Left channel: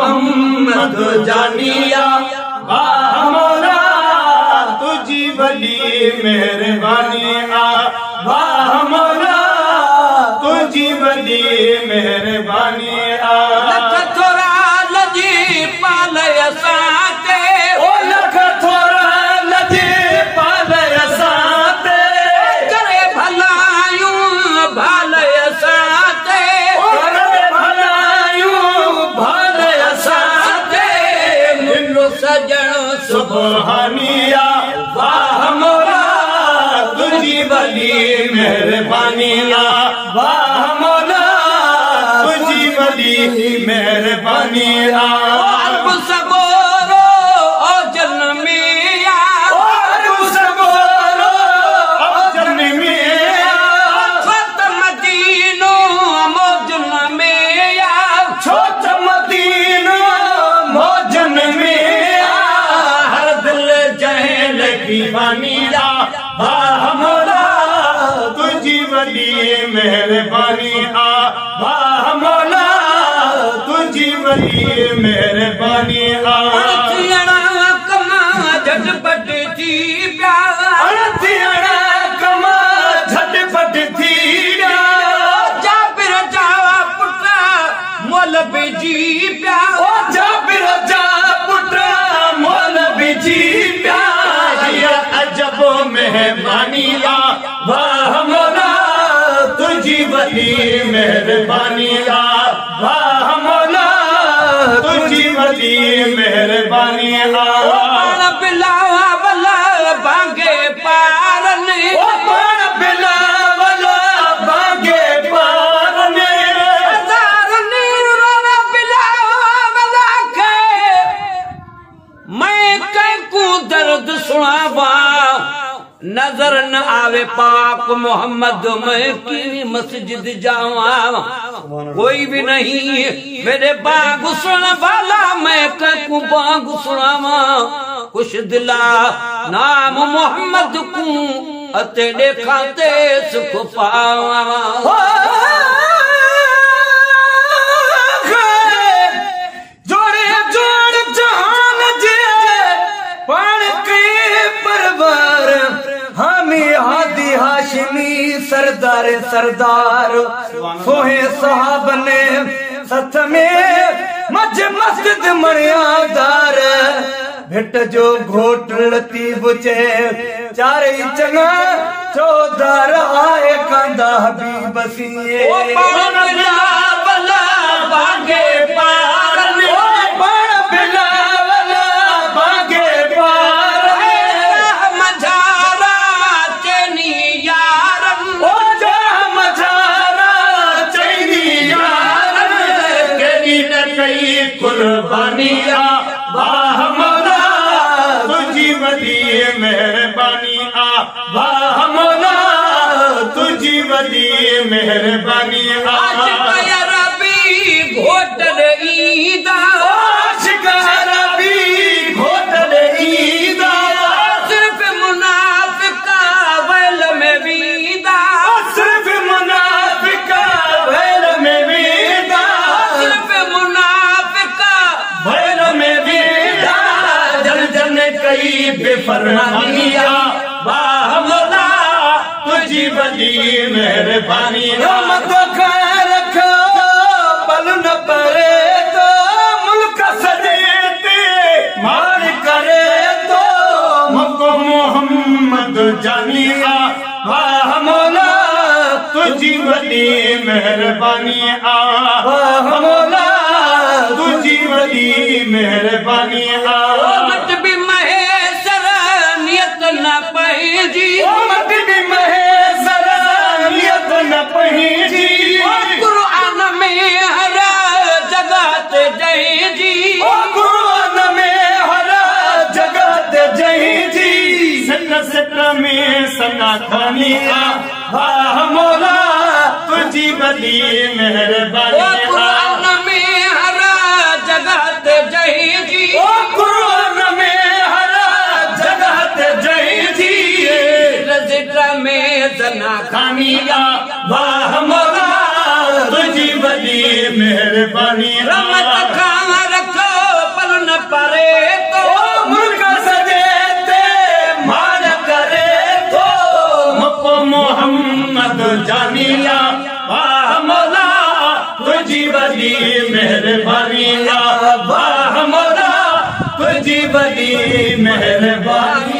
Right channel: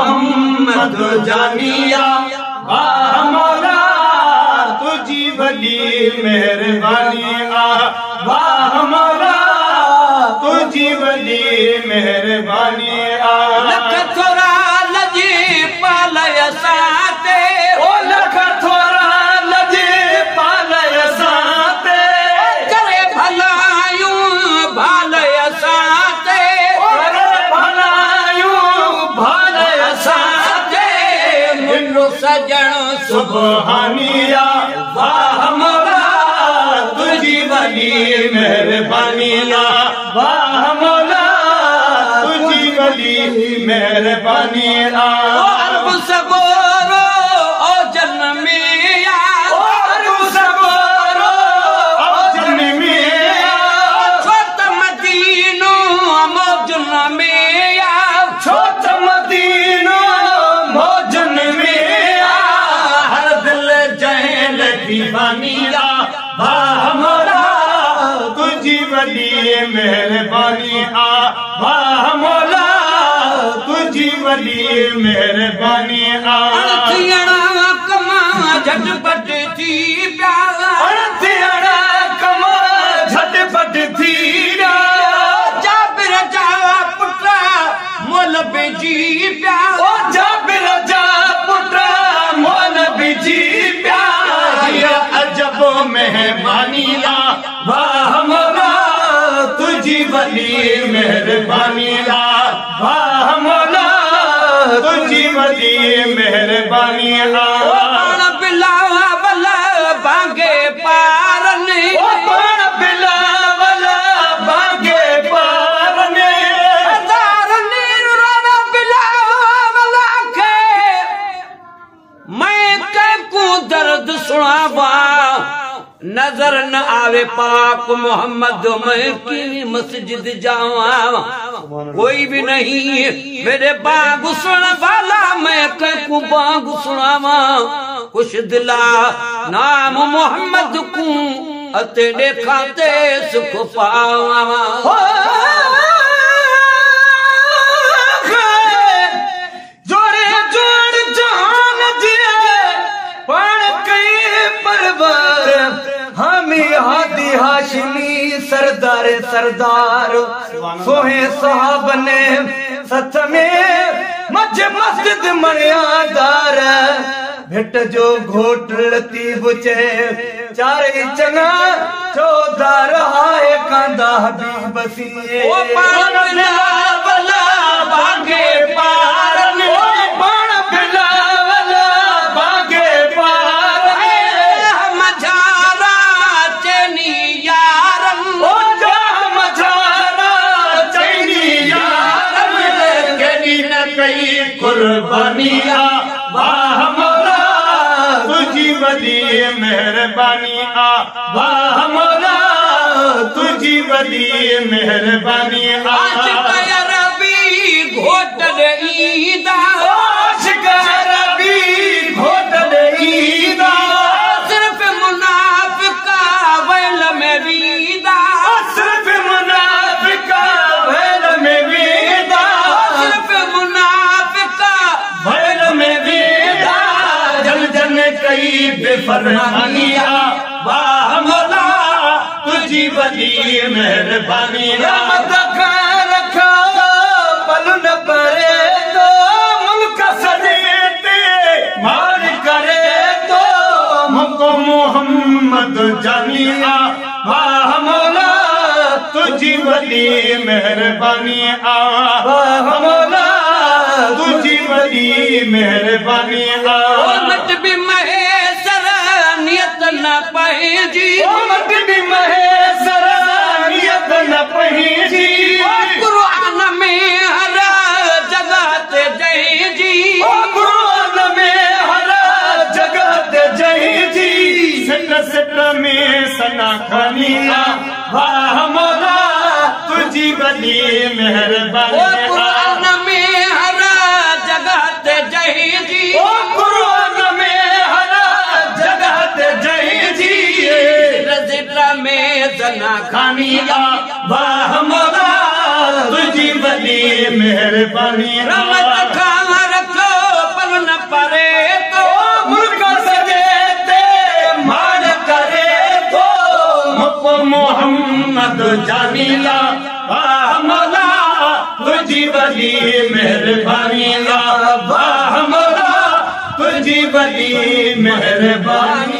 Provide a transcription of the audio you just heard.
मोहम्मद जानिया वाह मौला तुझी वली मेहरबानिया वाह मौला तुझी वली मेहरबानिया थोड़ा लजी पालय साते ओ लख थोड़ा लजी पालय साते करे भलायूं भालय साते करे भलायूं भालय साते मिलो सजण सुबहानिया वाह मौला तुझी वली मेहरबानिया वाह मौला तुझी वली मेहरबानिया अरब सबोरो ओ जन्मिया अरब सबोरो ओ जन्मिया छोट मदीनो मौजन मिया छोट मदीनो मौजन मिया हर दिल जहल दीवानिया वाह मौला तुझी वली मेहरबानिया वाह मौला तुझी वली मेहरबानिया कमा झटपट थी अरथियण कमा झटपट थी जाबिर जा पुटा मोल बिजी प्या ओ जाबिर जा पुटा मोल बिजी प्या अजब मेहरबानिया वाह मौला तुझी वली मेहरबानिया वाह मौला तुझी वली मेहरबानिया बिलावा बला भागे पारने ओ पाण बिलावला भागे पारने तारने रोना बिलावा बला के मैं कैकू दर्द सुनावा नजर न आवे पाक मोहम्मद मैं की मस्जिद जावा कोई भी नहीं मेरे बाग सुन वाला मैं कैकू बाग सुनावा खुश दिला नाम मोहम्मद को अते देखाते सुख पावा जोड़े जोड़ जहान जे पण कई परवर हामी हादी हाशिमी सरदार सरदार सोहे साहब ने सथ में मज मस्जिद मणियादार भेट जो घोट लतीफ चे चार चना चौधार हाय कांदा हबीब सिए ओ पाण बिलावला भागे पारने पाण बिलावला भागे पारने मझारा चेनी यारम ओ जा मझारा चैनी यारम केली न कई कुर्बानिया वाह मौला तुझी वली मेहरबानिया वाह मौला तुझी वली मेहरबानिया रबी घोट ईदा रबी घोटल ईदा सिर्फ मुनाफिका वैल में वीदा सिर्फ मुनाफिका भैल में वीदा सिर्फ मुनाफिका भैल में वीदा जल जन कई बेफरमानिया वाह मौला तुझी वली मेहरबानिया रखो पल न परे तो मुल्क समेते मार करे तो हमको मोहम्मद जानिया वाह मौला तुझी वली मेहरबानिया वाह मौला तुझी वली मेहरबानिया मट भी महेसर नियत न पहेजी मट भी महेसर नियत न पहेजी कुरान में हर जगह ते जय जी कुरान में हर जगह ते जय जी सट सट में सना खानिया वाह मौला तुझी वली मेहरबानिया कुरान में हर जगह ते जय जी कुरान में हर जगह ते जय जी रज़िक़ में सना खानिया वाह मौला तुझी वली मेहरबानिया रख मोहम्मद जानीला वाह मौला तुझी वली मेहरबानी ला वाह मौला तुझी वली मेहरबानी